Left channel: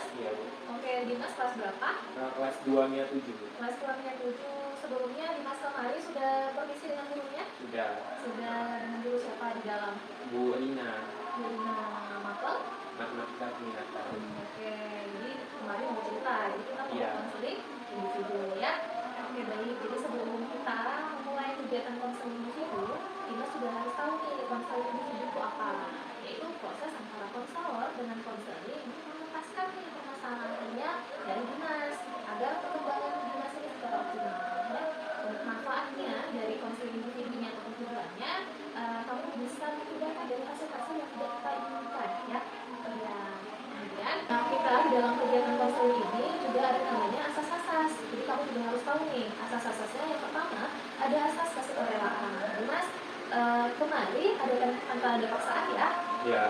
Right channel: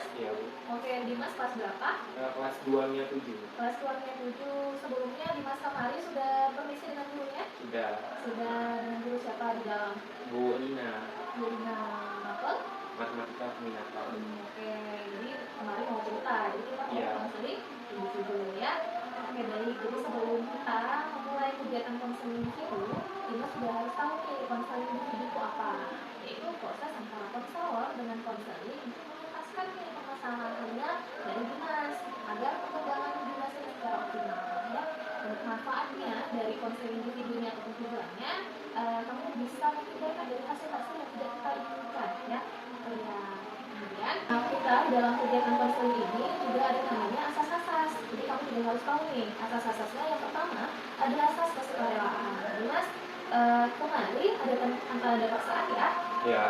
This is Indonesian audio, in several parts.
Dimas? Iya, Bu. Oke, Dimas kelas berapa? Kelas 2-nya 7. Kelas 2-nya 7. Sebelumnya Dimas kemarin sudah permisi dengan gurunya? Sudah. Sudah dengan guru siapa di dalam? Bu Nina. Bu Nina Mapel? Matematika peminatan. Oke, jadi kemarin mau cerita, jadi kita mau konseling individu ya. Oke, baik. Jadi sebelum kita mulai kegiatan konseling individu, kita sudah harus tahu nih konseling individu itu apa. Yaitu proses antara konselor dengan konseling untuk menuntaskan nih permasalahannya dari Dimas agar perkembangan Dimas ini secara optimal. Ya. Manfaatnya dari konseling individunya atau tujuannya, kamu bisa menghindarkan dari hasil-hasil yang tidak kita inginkan ya. Kemudian kita di dalam kegiatan konseling ini juga ada namanya asas-asas. Jadi kamu juga harus tahu nih asas-asasnya. Yang pertama ada asas kesukarelaan. Mas kemarin ada tanda paksaan ya? Ya,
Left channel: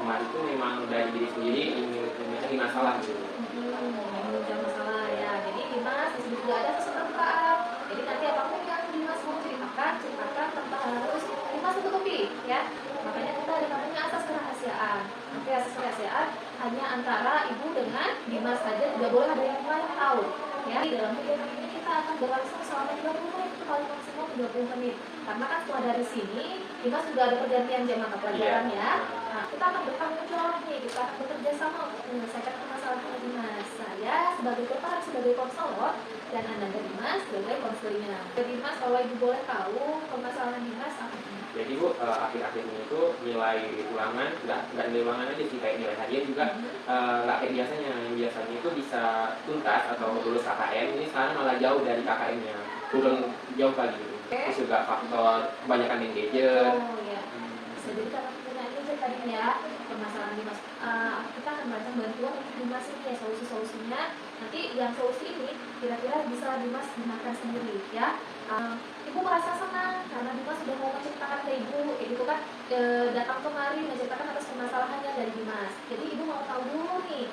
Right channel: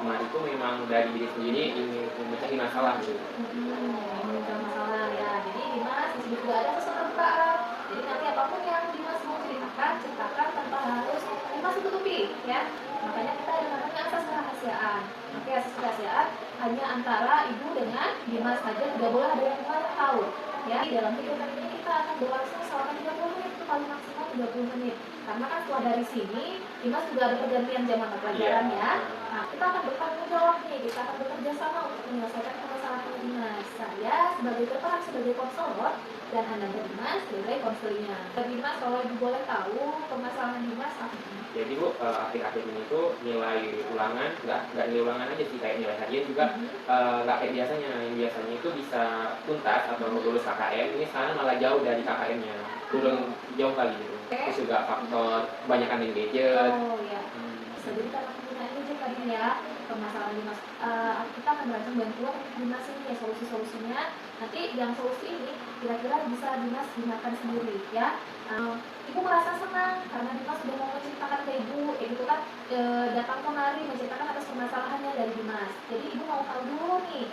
kemarin itu memang dari diri sendiri ingin mencari masalah gitu. Mencari masalah ya. Jadi Dimas disebut juga ada kesukarelaan. Jadi nanti apapun yang Dimas mau ceritakan tanpa harus Dimas tutupi ya. Makanya kita ada namanya asas kerahasiaan. Oke, asas kerahasiaan hanya antara ibu dengan Dimas saja, tidak boleh ada yang lain tahu. Ya, di dalam kegiatan ini kita akan berlangsung selama 30 menit, itu paling maksimal 30 menit. Karena kan setelah dari sini, Dimas juga ada pergantian jam mata pelajaran ya. Nah, kita akan bertanggung jawab nih, kita akan bekerja sama untuk menyelesaikan permasalahan Dimas. Saya sebagai berperan sebagai konselor dan Anda Dimas sebagai konselingnya. Dimas, kalau ibu boleh tahu permasalahan Dimas apa? Jadi Bu, akhir-akhir ini tuh nilai ulangan, nggak nilai ulangan aja sih, kayak nilai harian juga nggak kayak biasanya. Yang biasanya itu bisa tuntas atau lulus KKM, ini sekarang malah jauh dari KKM-nya, turun jauh kali gitu. Terus juga faktor kebanyakan main gadget. Oh iya. Jadi karena penggunaan gadget tadi ya, permasalahan Dimas, kita akan berikan bantuan untuk Dimas ini ya, solusi-solusinya. Nanti yang solusi ini kira-kira bisa Dimas gunakan sendiri ya. Ibu merasa senang karena Dimas sudah mau menceritakan ke ibu, gitu kan, datang kemari menceritakan atas permasalahannya dari Dimas. Jadi ibu mau tahu dulu nih,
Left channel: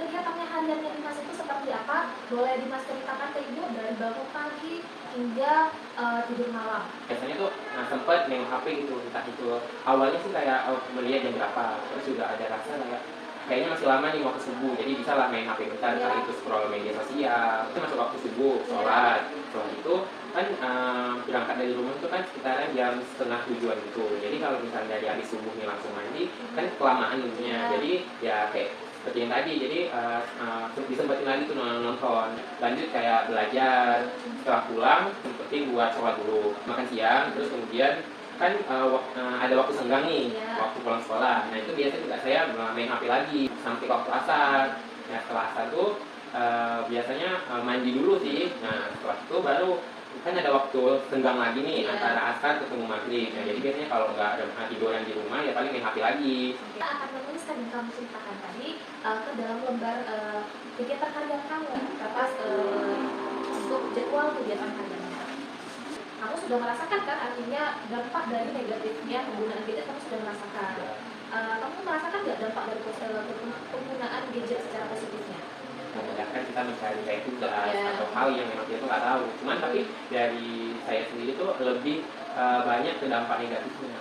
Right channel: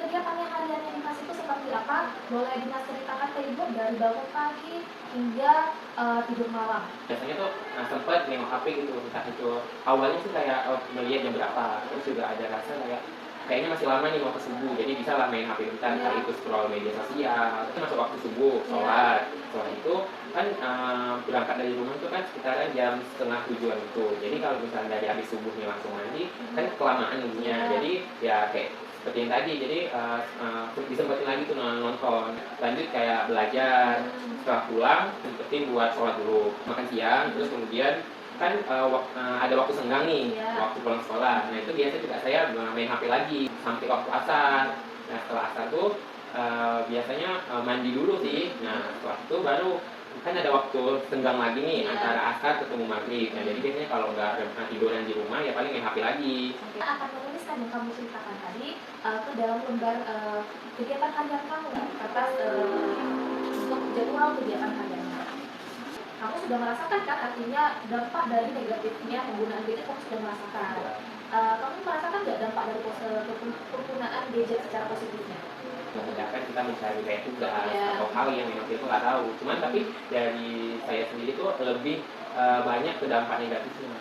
kegiatannya hariannya Dimas itu seperti apa. Boleh Dimas ceritakan ke ibu dari bangun pagi hingga tidur malam. Biasanya tuh sempat nengok HP gitu, entah itu awalnya sih kayak melihat jam berapa, terus juga ada rasa kayaknya masih lama nih mau ke subuh, jadi bisa lah main HP bentar, kali itu scroll media sosial. Itu masuk waktu subuh, sholat. Setelah itu kan berangkat dari rumah itu kan sekitaran jam 6:30 gitu. Jadi kalau misalnya dari habis subuhnya langsung mandi, kan kelamaan dulunya. Jadi ya kayak seperti yang tadi, jadi disempetin lagi tuh nonton. Lanjut kayak belajar, setelah pulang sempetin buat sholat dulu, makan siang, terus kemudian kan ada waktu senggang nih, waktu pulang sekolah. Nah itu biasanya juga saya main HP lagi sampai waktu asar. Nah setelah asar tuh biasanya mandi dulu sih. Nah setelah itu baru kan ada waktu senggang lagi nih antara asar ketemu maghrib. Nah jadi biasanya kalau nggak ada tiduran di rumah ya paling main HP lagi. Kita akan menuliskan yang kamu ceritakan tadi ke dalam lembar kegiatan harian kamu atas untuk jadwal kegiatan hariannya. Kamu sudah merasakan kan artinya dampak dari negatifnya penggunaan gadget, kamu sudah merasakan. Kamu merasakan nggak dampak dari penggunaan gadget secara positifnya? Memudahkan kita mencari kayak tugas atau hal yang memang kita nggak tahu. Cuman tapi dari saya sendiri tuh lebih banyak ke dampak negatifnya.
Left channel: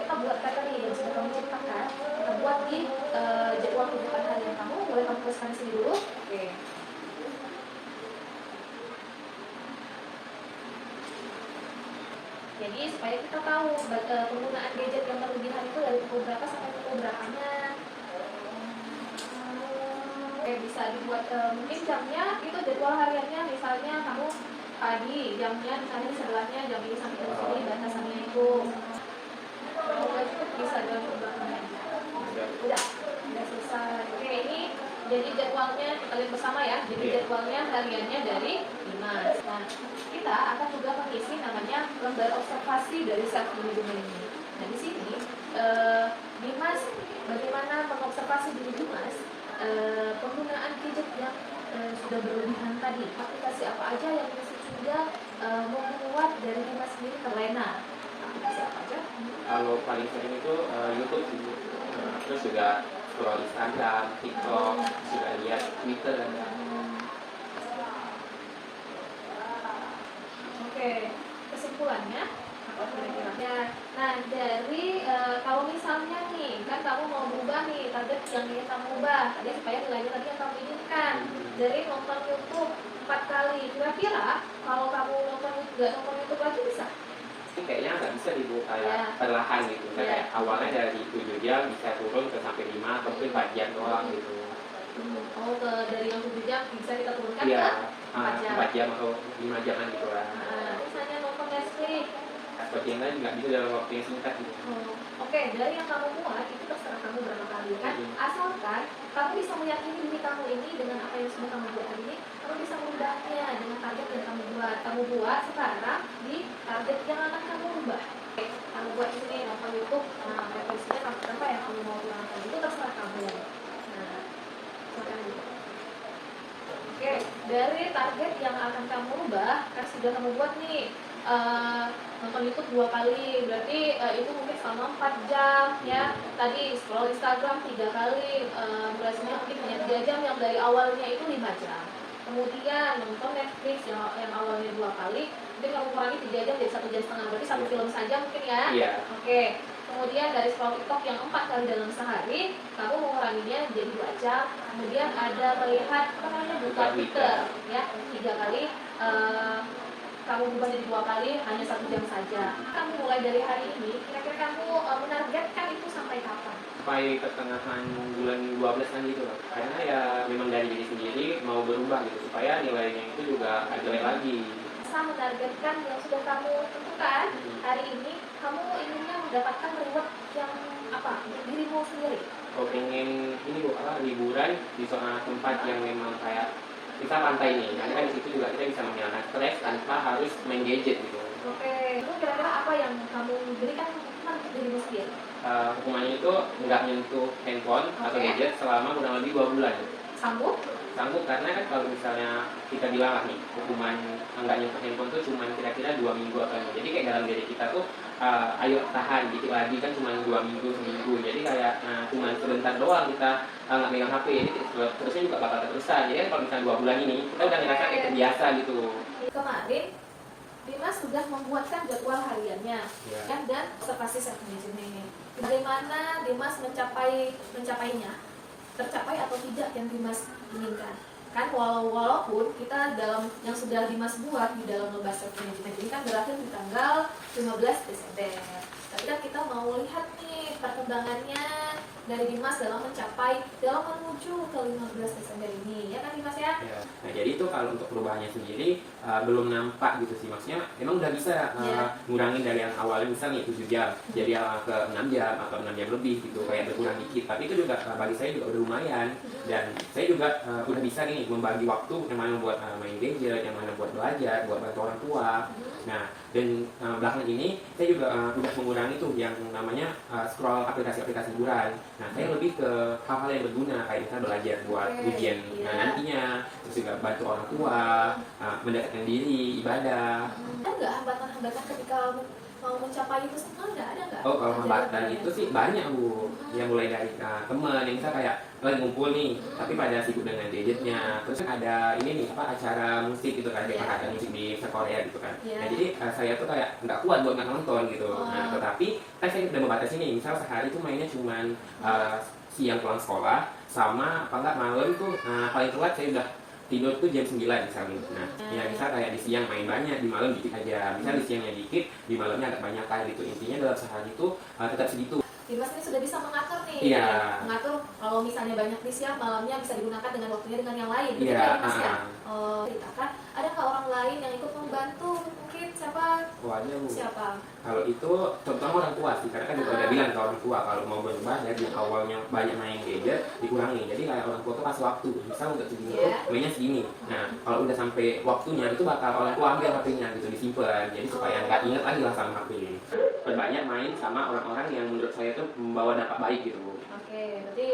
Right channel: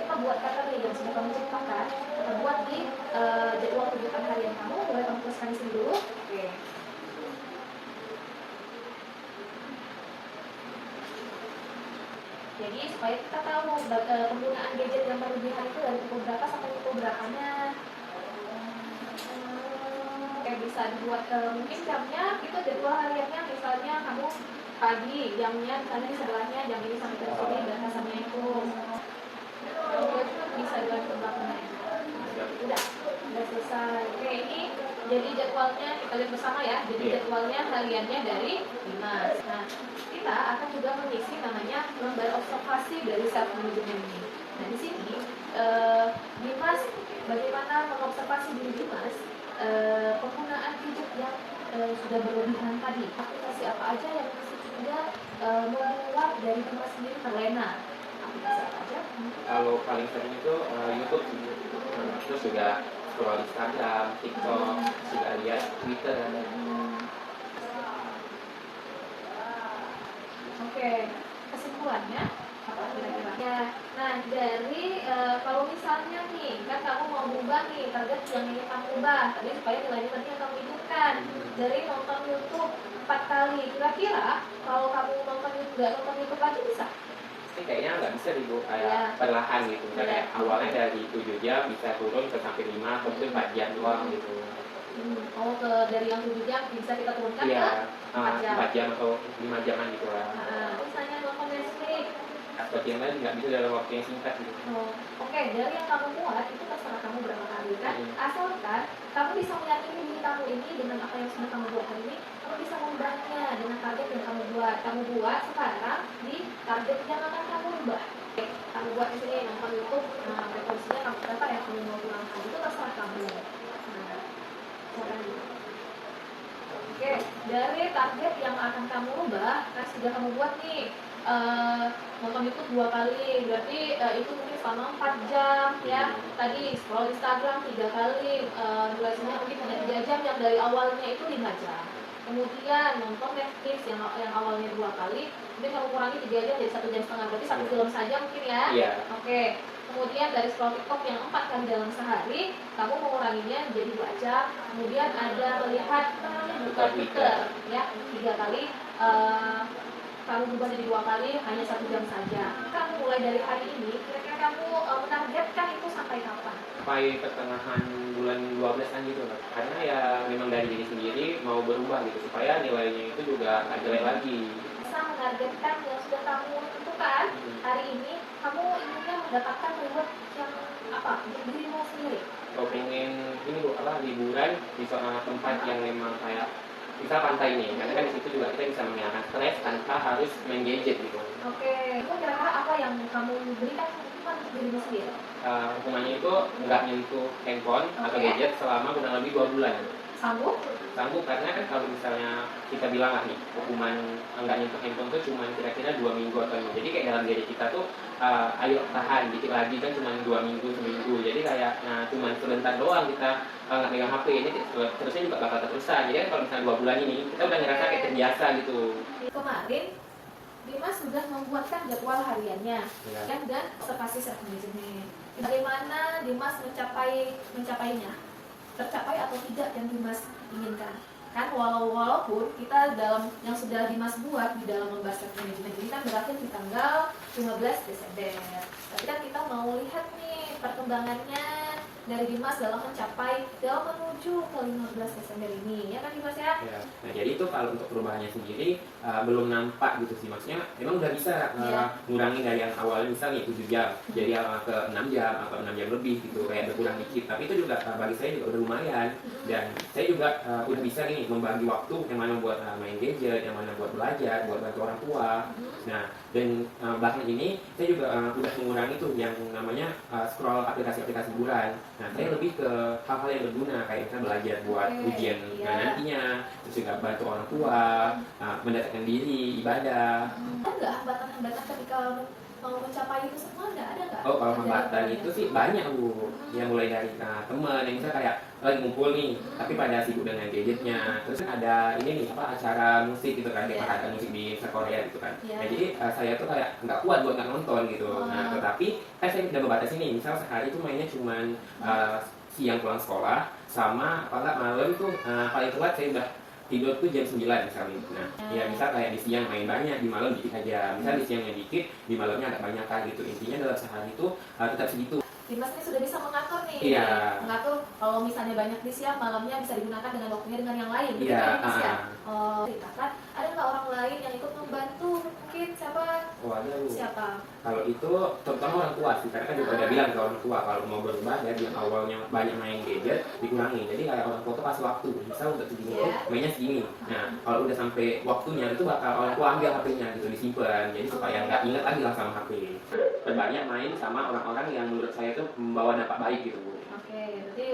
Kita buat kata nih yang sudah kamu ceritakan, kita buat di jadwal kegiatan harian kamu. Boleh kamu tuliskan di sini dulu. Oke. Jadi supaya kita tahu penggunaan gadget yang berlebihan itu dari pukul berapa sampai pukul berapanya. Bisa dibuat mungkin jamnya itu jadwal hariannya, misalnya kamu pagi jamnya misalnya di sebelahnya jam ini sampai jam ini batasannya itu. Kalau itu bisa dengan ke belakangnya. Udah selesai. Oke, ini jadi jadwalnya kita lihat bersama ya. Jadi jadwalnya hariannya dari Dimas. Nah, kita akan juga mengisi namanya lembar observasi dari self management ini. Nah, di sini Dimas bagaimana mengobservasi diri Dimas penggunaan gadget yang sudah berlebihan tadi. Aplikasi apa aja yang masih sudah membuat dari Dimas sendiri terlena? Aplikasi apa aja? Kalau paling sering itu YouTube sih. Terus juga scroll Instagram, TikTok, juga lihat Twitter ada. Oke, kesimpulannya apa kira-kira ya. Nah dari kalau misalnya nih kan kamu mau berubah nih target yang ini kamu ubah tadi supaya nilainya tadi yang kamu hidupkan dari nonton YouTube 4 kali, kira-kira kalau kamu nggak nonton YouTube lagi bisa? Ini kayaknya nggak bisa dibuat kayak perlahan gitu. Kayak awalnya dari 7 jam bisa turun ke sampai 5 atau mungkin 4 jam doang gitu. Oh, dari yang 7 jam bisa kita turunkan Iya, ke 4 jam. 4 jam atau 5 jaman gitu lah. Misalnya nonton Netflix. Seperti yang lain nggak bisa dalam waktu yang singkat gitu. Oke, dari yang kamu buat itu terserah kamu berapa kali kan. Asalkan kamu bisa meyakini diri kamu ini dengan apa yang sudah kamu buat hari ini, kamu bisa mengubahnya dengan target yang kamu buat. Kamu buat sekarang di target yang akan kamu ubah. Kamu buat di sini nonton YouTube, referensinya kamu berapa yang kamu mau kurangkan itu terserah kamu. Oke, dari target yang akan kamu ubah kan sudah kamu buat nih nonton YouTube 2 kali, berarti itu mungkin selama 4 jam ya. Tadi scroll Instagram 3 kali, durasinya mungkin hanya 3 jam yang dari awalnya itu 5 jam. Kemudian nonton Netflix yang awalnya 2 kali, mungkin kamu kurangi 3 jam jadi 1,5 jam, berarti 1 film saja mungkin ya. Iya. Oke. Kemudian dari scroll TikTok yang 4 kali dalam sehari, kamu menguranginya jadi 2 jam. Kemudian ada melihat buka Twitter ya 3 kali. Kamu bukan jadi 2 kali, hanya 1 jam saja. Kamu mulai dari hari ini, kira-kira kamu menargetkan itu sampai kapan? Sampai pertengahan bulan 12 kan gitu loh. Karena ya memang dari diri sendiri mau berubah gitu supaya nilainya itu juga ada lagi. Bisa menargetkan yang sudah kamu tentukan hari ini, kamu inginnya mendapatkan reward yang apa? Untuk dirimu sendiri. Kalau pengen ini liburan di suatu tempat yang memang kayak kita pantainya, karena kan di situ juga kita bisa menghilangkan stres tanpa harus main gadget gitu. Oke, itu kira-kira apa yang kamu berikan hukuman untuk dirimu sendiri? Hukumannya itu nggak menyentuh handphone atau gadget selama kurang lebih 2 bulan. Sanggup? Sanggup, karena kan kalau misalnya kita bilang lah nih hukuman nggak nyentuh handphone tuh cuma kira-kira 2 minggu atau 5. Jadi kayak dalam diri kita tuh ayo tahan dikit lagi kan cuma 2 minggu seminggu. Jadi kayak cuma sebentar doang kita nggak pegang HP ini terusnya juga bakal terusan. Jadi kan kalau misalnya 2 bulan ini kita udah ngerasa kayak terbiasa gitu. Kemarin Dimas sudah membuatkan jadwal hariannya kan dan observasi self management. Bagaimana Dimas mencapainya? Tercapai atau tidak yang Dimas inginkan? Kan walaupun kita dalam yang sudah Dimas buat di dalam lomba self management ini kan berakhir di tanggal 15 Desember. Tapi kan kita mau lihat nih perkembangannya dari Dimas dalam menuju ke 15 Desember ini, ya kan Dimas ya? Nah jadi itu kalau untuk perubahannya sendiri belum nampak gitu sih, maksudnya emang udah bisa ngurangin dari yang awalnya misalnya 7 jam jadi ke 6 jam atau 6 jam lebih gitu, kayak ada kurang dikit, tapi itu juga bagi saya juga udah lumayan. Dan saya juga udah bisa nih membagi waktu yang mana buat main gadget, yang mana buat belajar, buat bantu orang tua. Nah dan belakangan ini saya juga udah mengurangi tuh yang namanya scroll aplikasi-aplikasi hiburan. Nah saya lebih ke hal-hal yang berguna kayak misalnya belajar buat ujian nantinya, terus juga bantu orang tua, mendekatkan diri, ibadah. Ada nggak hambatan-hambatan ketika mau mencapai itu semua? Nggak ada nggak? Oh kalau hambatan itu sih banyak Bu, yang mulai dari teman yang misalnya kayak lagi ngumpul nih, tapi pada sibuk dengan gadgetnya. Terus kan ada ini nih acara musik gitu kan, ada musik di Korea gitu kan. Nah jadi saya tuh kayak nggak kuat buat nggak nonton gitu. Nah tetapi kan saya udah membatasi nih, misal sehari itu mainnya cuman siang pulang sekolah sama apa enggak malam tuh paling telat saya udah tidur tuh jam 9 misalnya. Nah ya bisa kayak di siang main banyak, di malam dikit aja. Misal di siangnya dikit, di malamnya agak banyak kan gitu. Intinya dalam sehari itu tetap segitu. Dimas ini sudah bisa mengatur nih, mengatur kalau misalnya banyak di siang, malamnya bisa digunakan dengan waktunya dengan yang lain. Ceritakan, ada nggak orang lain yang ikut membantu? Mungkin siapa? Ada Bu. Siapa? Kalau itu terutama orang tua sih, karena kan juga udah bilang ke orang tua kalau mau berubah dari yang awalnya banyak main gadget dikurangi. Jadi orang tua tuh kasih waktu, misal untuk segini tuh mainnya segini. Nah kalau udah sampai waktunya itu bakal orang tua ambil HP-nya gitu, disimpan. Jadi supaya nggak ingat lagi lah sama HP. Berbanyak main sama orang-orang yang menurut saya itu membawa dampak baik gitu Bu. Oke, berarti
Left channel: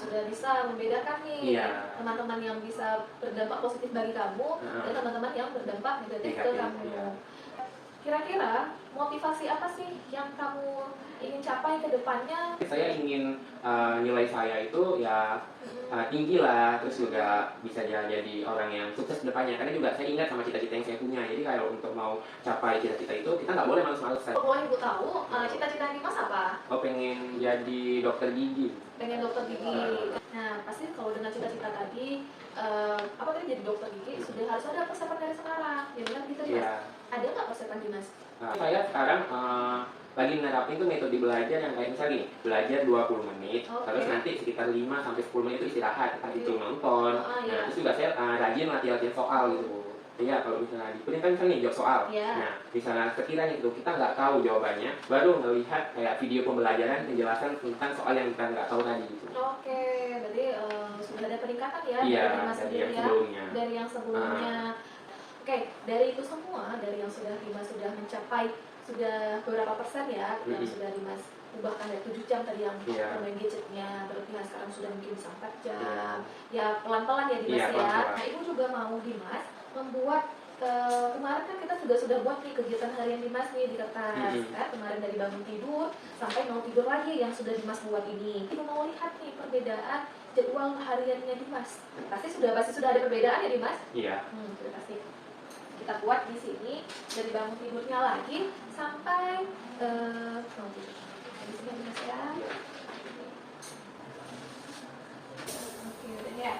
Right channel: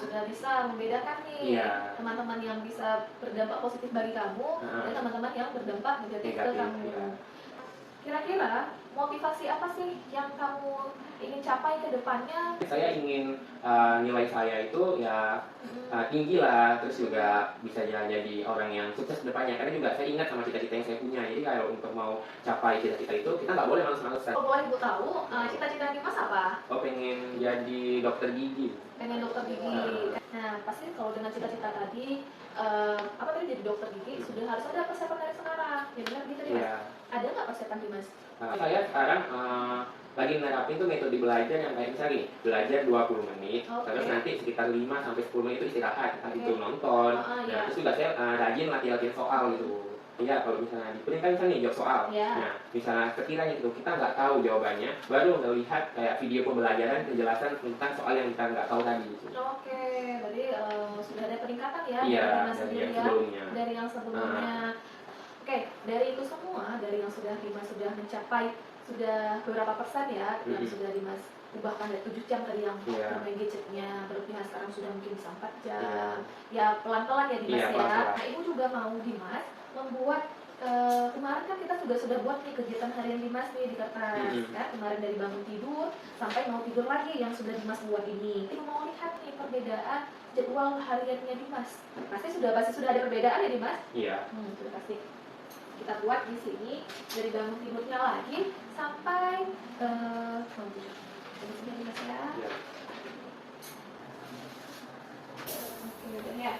sudah bisa membedakan nih teman-teman yang bisa berdampak positif bagi kamu dan teman-teman yang berdampak negatif ke kamu. Kira-kira motivasi apa sih yang kamu ingin capai ke depannya? Saya ingin nilai saya itu ya tinggi lah, terus juga bisa jadi orang yang sukses ke depannya. Karena juga saya ingat sama cita-cita yang saya punya. Jadi kalau untuk mau capai cita-cita itu kita nggak boleh males-malesan. Kalau boleh Ibu tahu, cita-cita Dimas apa? Oh, pengen jadi dokter gigi. Pengen dokter gigi. Nah, pasti kalau dengan cita-cita tadi, apa tadi jadi dokter gigi, sudah harus ada persiapan dari sekarang. Ya benar gitu Dimas? Iya. Ada nggak persiapan Dimas? Nah, saya sekarang lagi nerapin tuh metode belajar yang kayak misalnya gini, belajar 20 menit, Oke. terus nanti sekitar 5 sampai 10 menit itu istirahat, entah Oke. itu nonton. Iya. Nah, terus juga saya rajin latihan soal gitu. Iya, kalau misalnya di kuliah kan misalnya nih jawab soal. Iya. Nah, misalnya sekiranya itu kita nggak tahu jawabannya, baru melihat kayak video pembelajaran penjelasan tentang soal yang kita nggak tahu tadi. Gitu. Oke, berarti sudah ada peningkatan ya Iya, dari Dimas dari sendiri yang ya, sebelumnya. dari yang sebelumnya. Oke, dari itu semua, dari yang sudah Dimas sudah mencapai sudah beberapa persen ya, yang sudah Dimas ubahkan dari 7 jam tadi yang bermain gadgetnya, berlebihan sekarang sudah mungkin bisa 4 jam. Ya pelan-pelan ya Dimas Iya, ya. pelan-pelan. Nah, Ibu juga mau Dimas membuat kemarin kan kita juga sudah buat nih kegiatan harian Dimas nih di kertas kan, kemarin dari bangun tidur sampai mau tidur lagi yang sudah Dimas buat ini. Ibu mau lihat nih perbedaan jadwal hariannya Dimas. Pasti sudah ada perbedaan ya Dimas? Iya. Kita pasti kita buat di sini dari bangun tidurnya lagi sampai di sini Dimas ya. Iya. Oke, udah ya.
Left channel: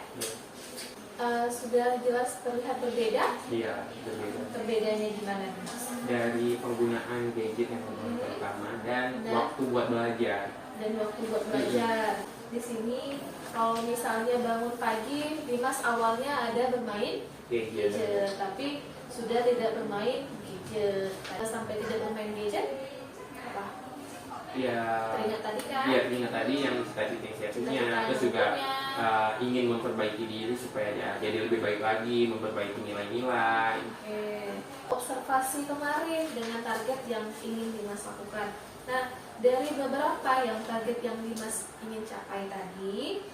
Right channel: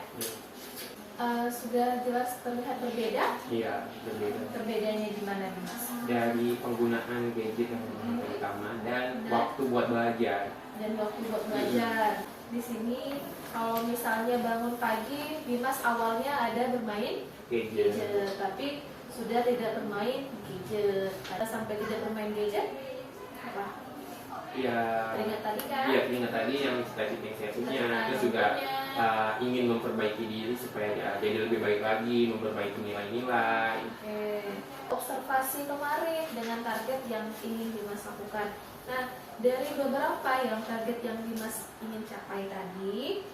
Sudah jelas terlihat berbeda. Iya, berbeda. Perbedaannya gimana Dimas? Dari penggunaan gadget yang pertama dan waktu buat belajar. Dan waktu buat belajar. Di sini kalau misalnya bangun pagi, Dimas awalnya ada bermain gadget, tapi sudah tidak bermain gadget. Ada sampai tidak bermain gadget? Apa? Iya. Teringat tadi kan? Iya, ingat tadi yang cita-cita yang saya punya. Terus juga ingin memperbaiki diri supaya ya jadi lebih baik lagi, memperbaiki nilai-nilai. Oke. Observasi kemarin dengan target yang ingin Dimas lakukan. Nah, dari beberapa yang target yang Dimas ingin capai tadi,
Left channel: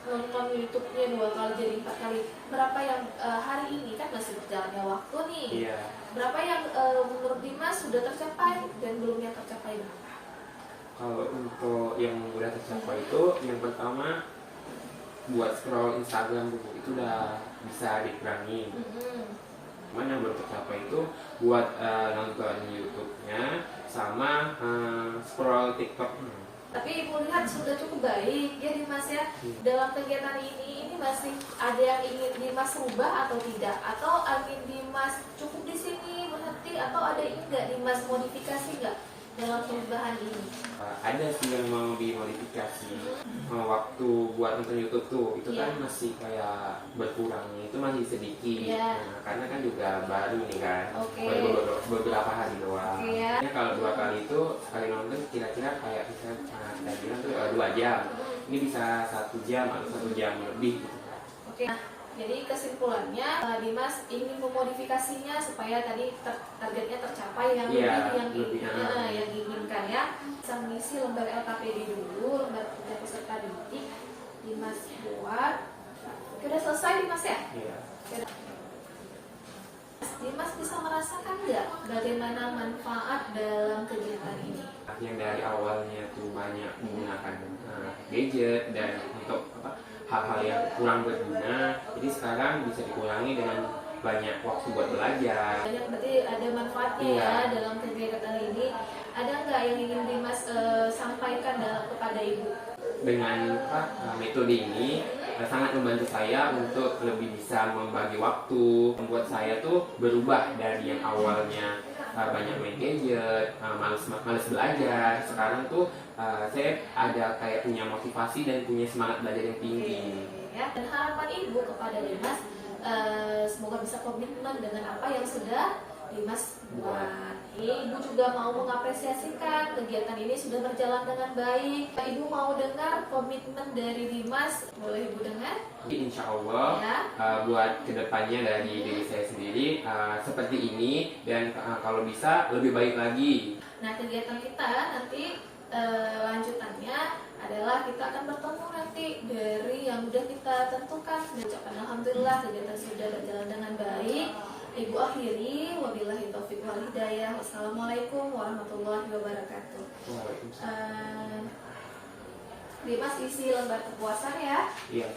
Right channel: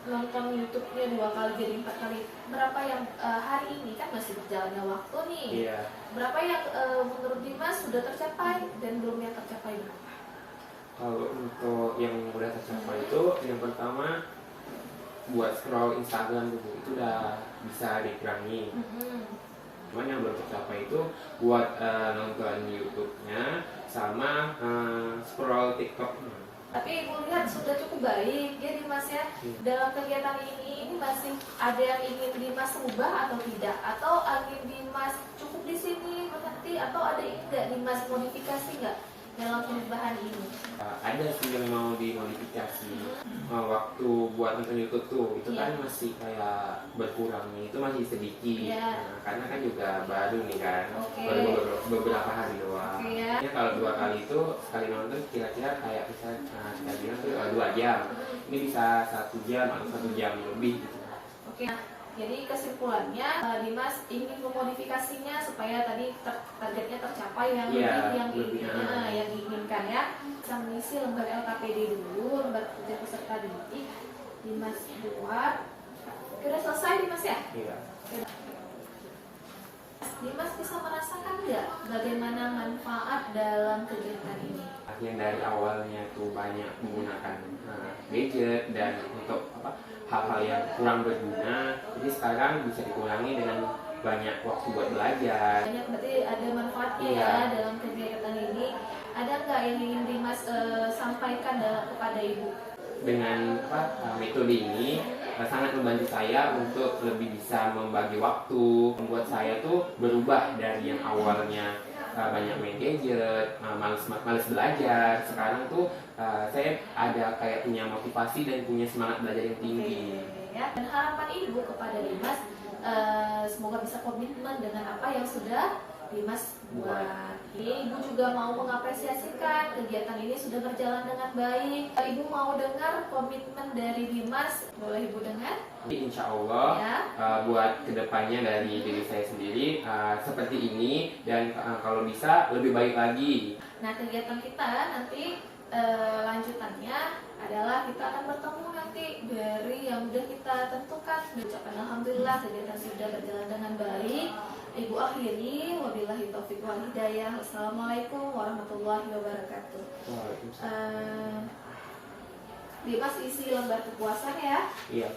nonton YouTube-nya 2 kali jadi 4 kali. Berapa yang hari ini kan masih berjalannya waktu nih? Iya. Berapa yang menurut Dimas sudah tercapai dan belum yang tercapai berapa? Kalau untuk yang udah tercapai itu, yang pertama buat scroll Instagram dulu itu udah bisa dikurangi. Cuman yang belum tercapai itu buat nonton YouTube-nya sama scroll TikTok. Tapi Ibu lihat sudah cukup baik ya Dimas ya. Dalam kegiatan ini masih ada yang ingin Dimas rubah atau tidak? Atau ingin Dimas cukup di sini berhenti atau ada enggak Dimas modifikasi enggak dalam perubahan ini? Ada sih yang mau dimodifikasi. Waktu buat nonton YouTube tuh itu kan masih kayak berkurang nih, itu masih sedikit. Nah, karena kan juga baru nih kan, baru beberapa hari doang. Ya kalau 2 kali itu sekali nonton kira-kira kayak kita bilang tuh 2 jam. Ini bisa 1 jam atau 1 jam lebih. Oke. Jadi kesimpulannya Dimas ingin memodifikasinya supaya tadi targetnya tercapai yang lebih yang diinginkan ya. Bisa mengisi lembar LKPD dulu, lembar kerja peserta didik. Dimas buat. Oke, udah selesai Dimas ya? Iya. Dimas bisa merasakan nggak bagaimana manfaat dalam kegiatan ini? Yang dari awalnya tuh banyak menggunakan gadget dan untuk hal-hal yang kurang berguna, jadi sekarang bisa dikurangi dengan banyak waktu buat belajar. Banyak, berarti ada manfaatnya ya dalam kegiatan ini. Ada nggak yang ingin Dimas sampaikan kepada Ibu? Dengan metode ini sangat membantu saya untuk lebih bisa membagi waktu, membuat saya tuh berubah dari yang awalnya banyak main gadget, males belajar. Sekarang tuh saya ada kayak punya motivasi dan punya semangat belajar yang tinggi. Ya. Dan harapan Ibu kepada Dimas, semoga bisa komitmen dengan apa yang sudah Dimas buat. Ini Ibu juga mau mengapresiasikan kegiatan ini sudah berjalan dengan baik. Ibu mau dengar komitmen dari Dimas, boleh Ibu dengar? Insya Allah buat kedepannya dari diri saya sendiri seperti ini dan kalau bisa lebih baik lagi. Nah, kegiatan kita nanti lanjutannya adalah kita akan bertemu nanti dari yang sudah kita tentukan. Ucapkan alhamdulillah kegiatan sudah berjalan dengan baik. Ibu akhiri, wabillahi taufiq wal hidayah. Assalamualaikum warahmatullahi wabarakatuh. Waalaikumsalam. Dimas isi lembar kepuasan ya. Iya.